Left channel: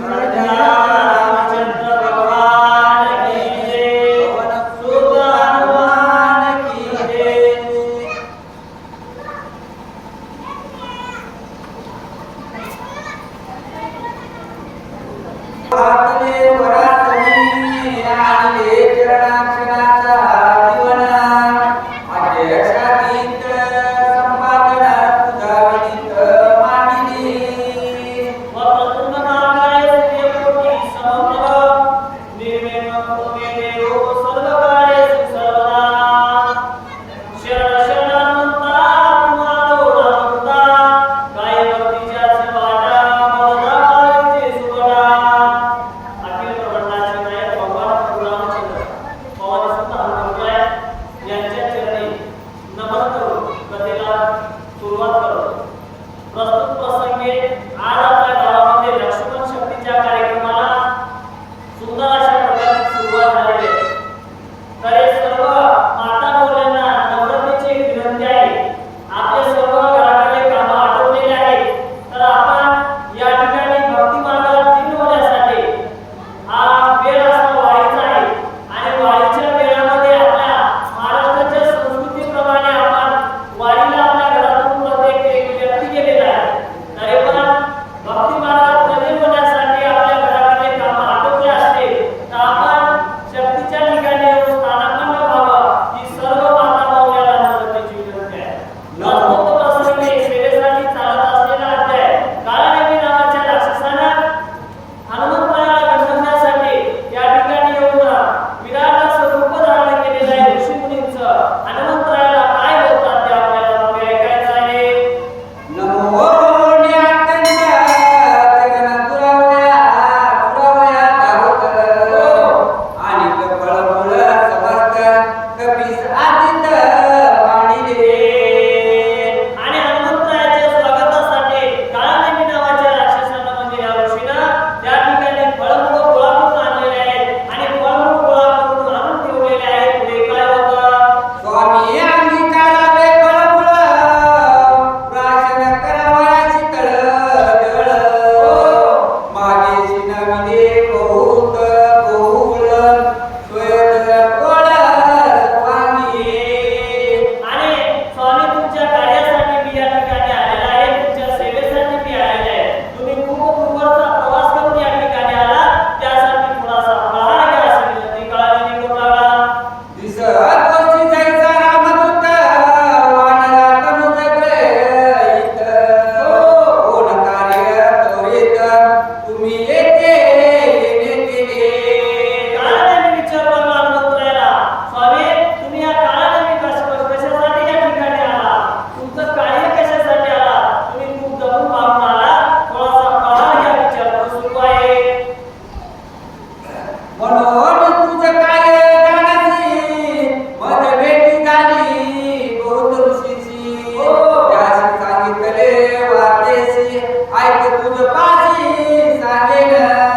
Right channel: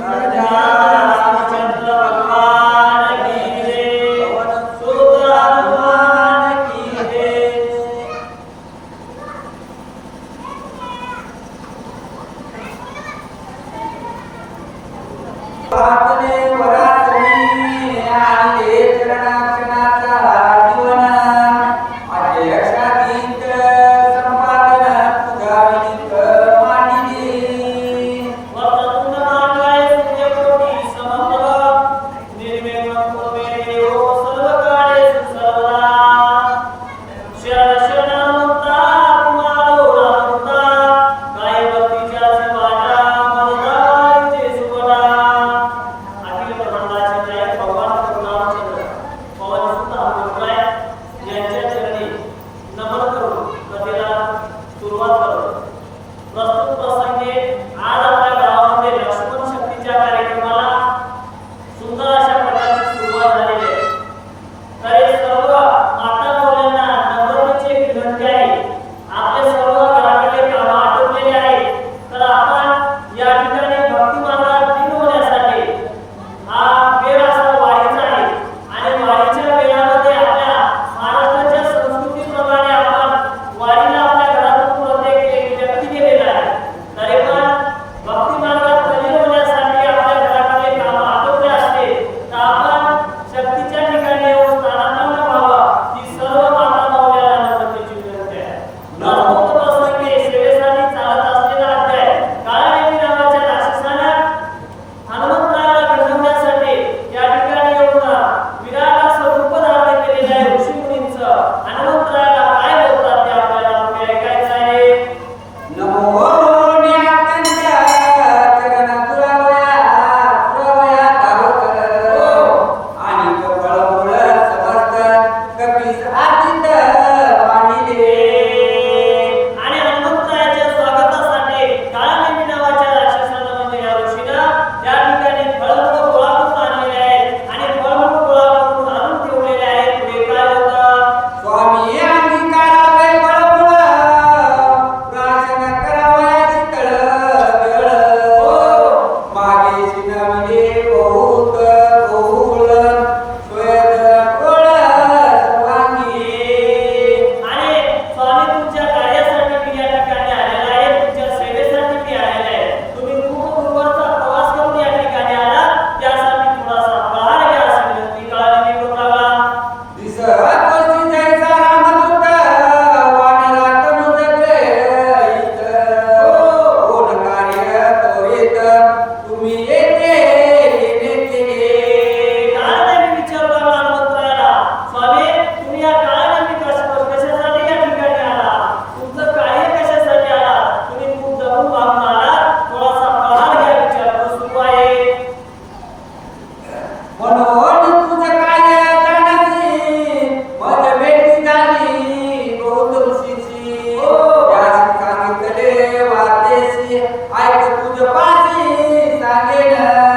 Verdade. वाटेसी ऐक तुझ पाणी सांगेल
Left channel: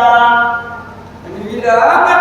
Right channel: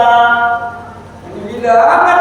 ada bilang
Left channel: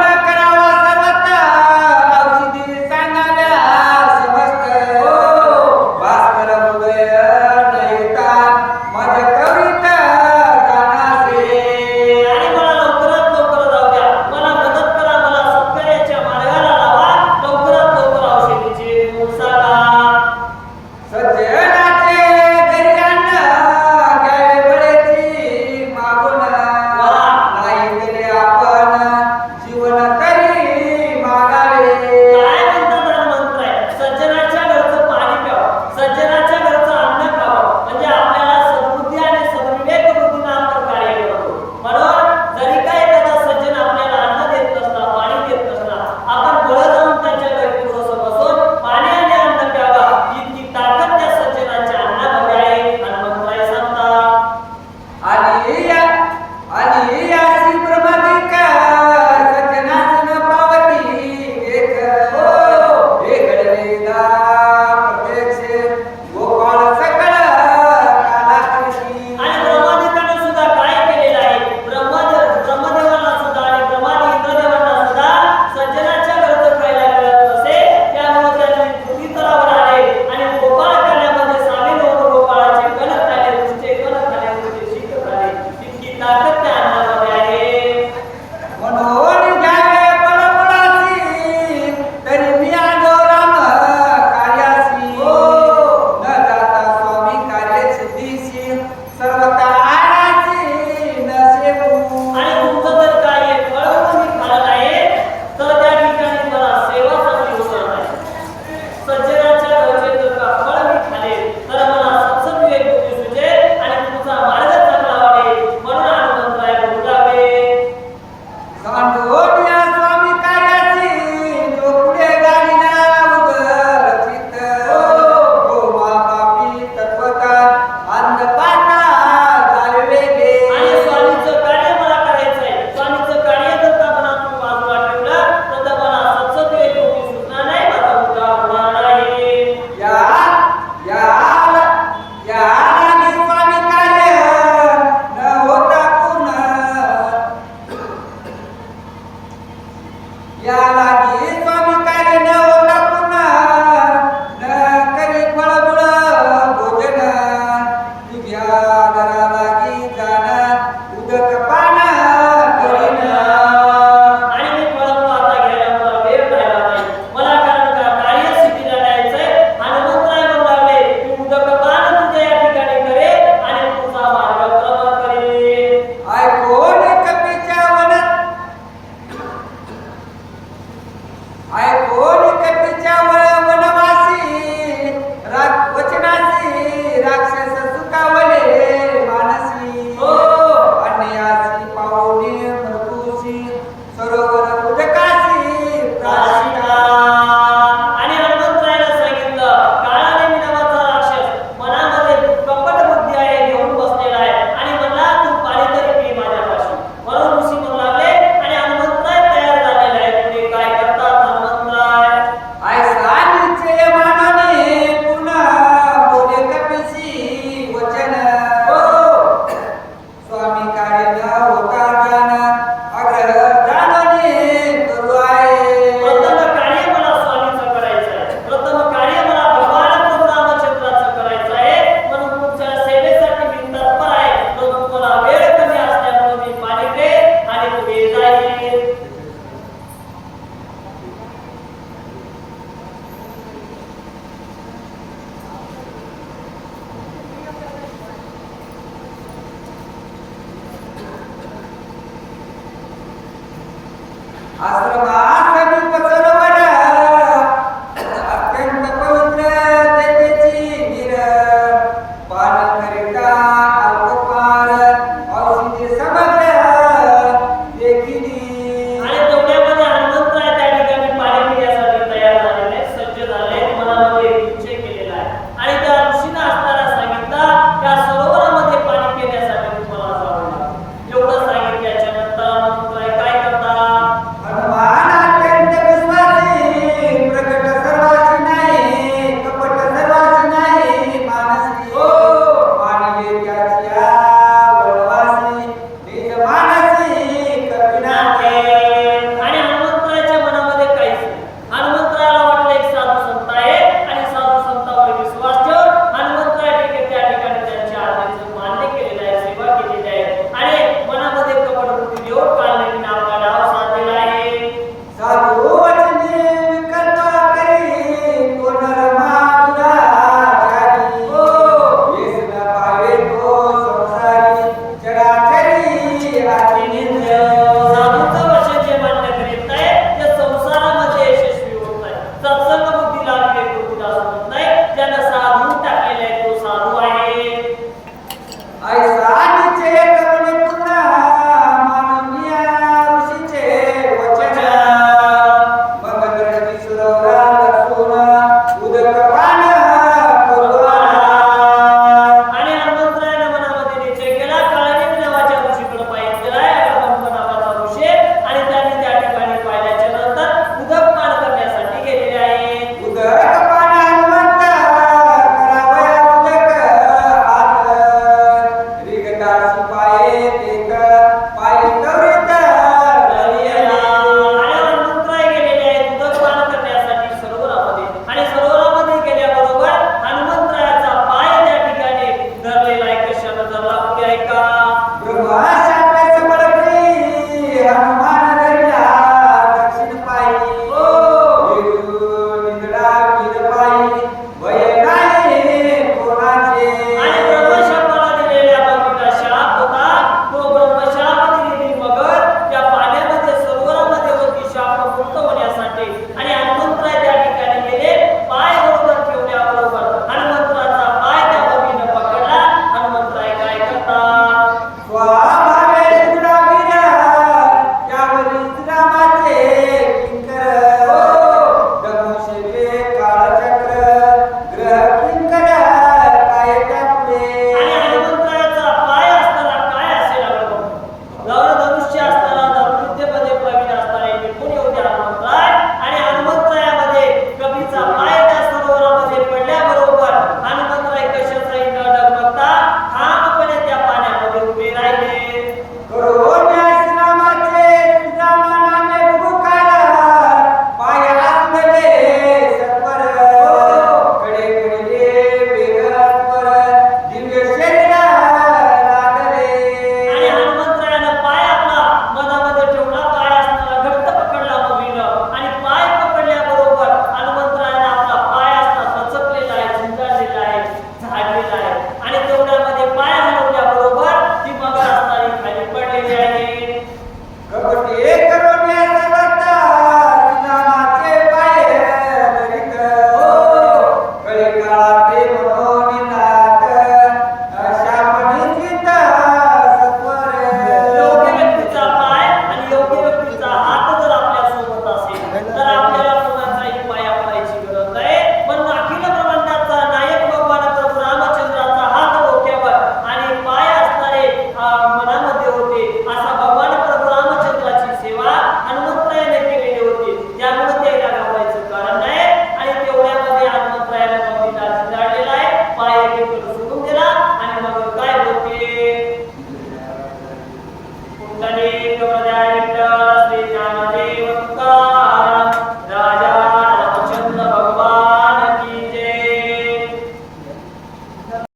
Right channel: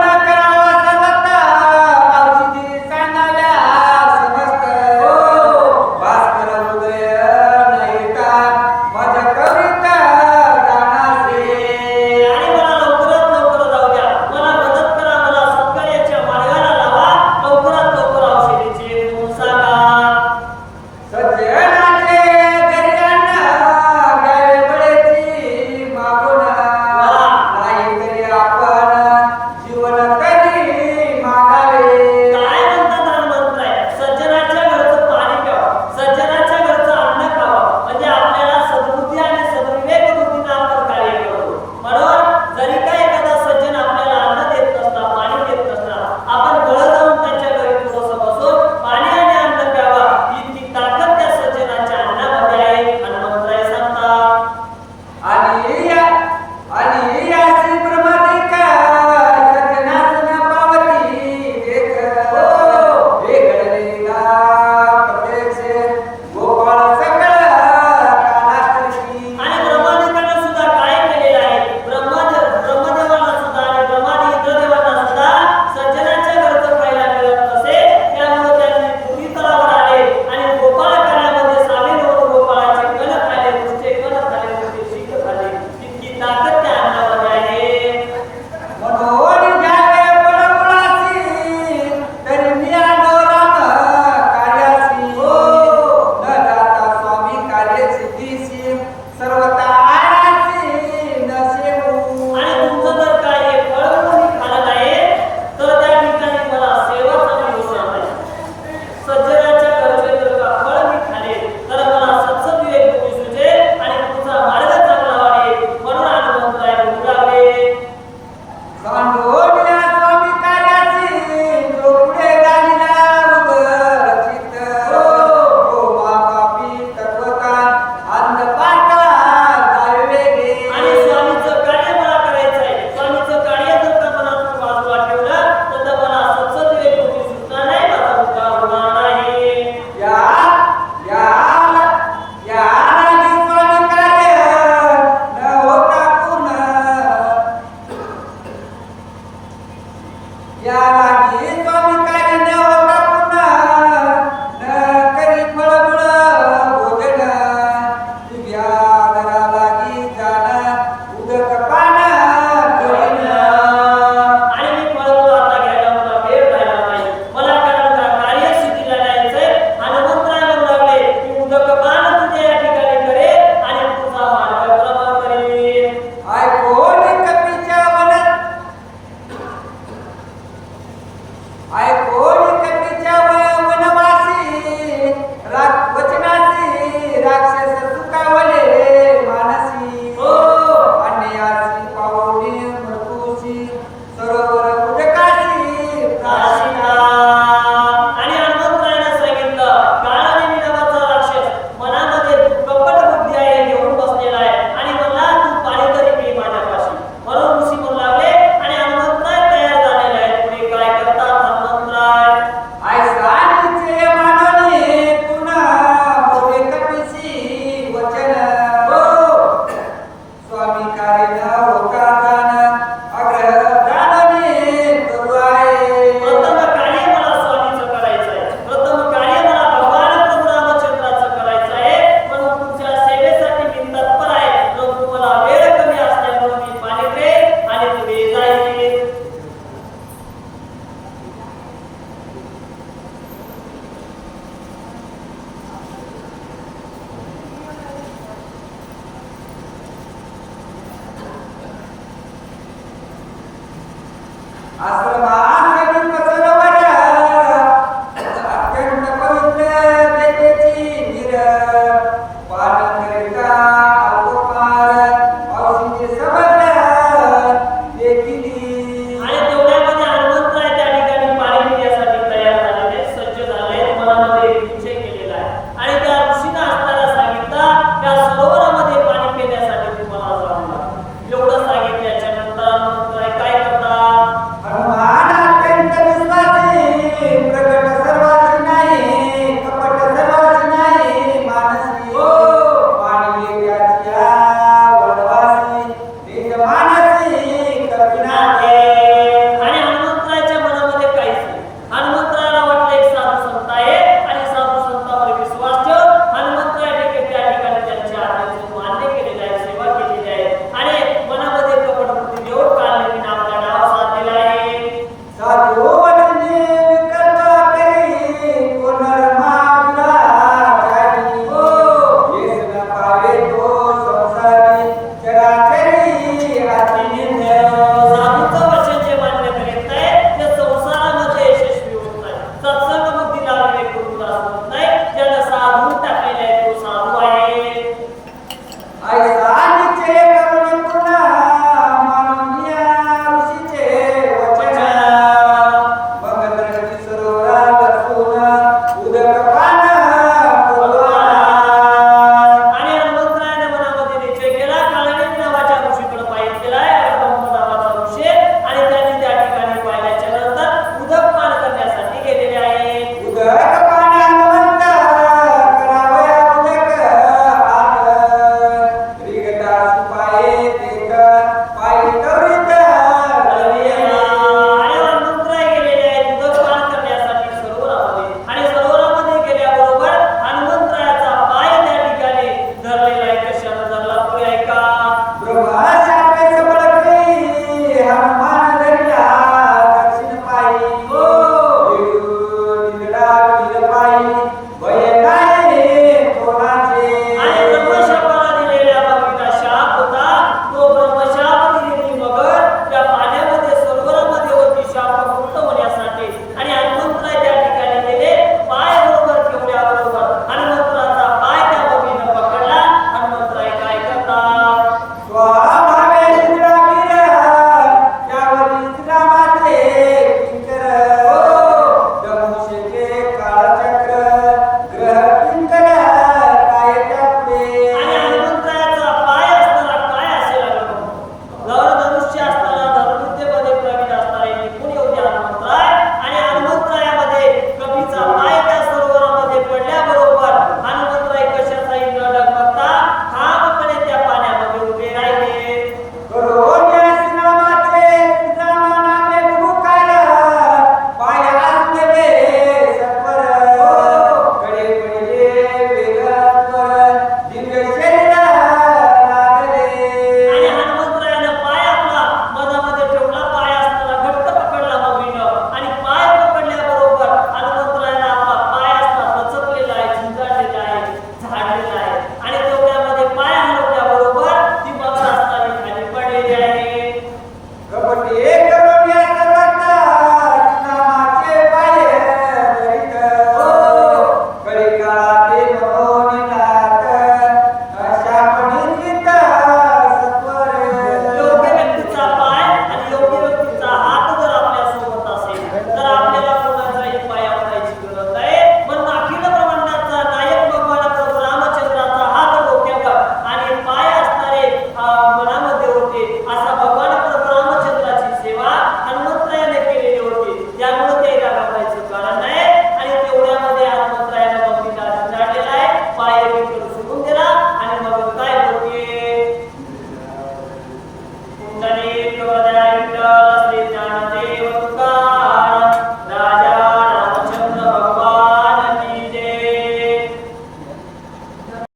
as trabalhadoras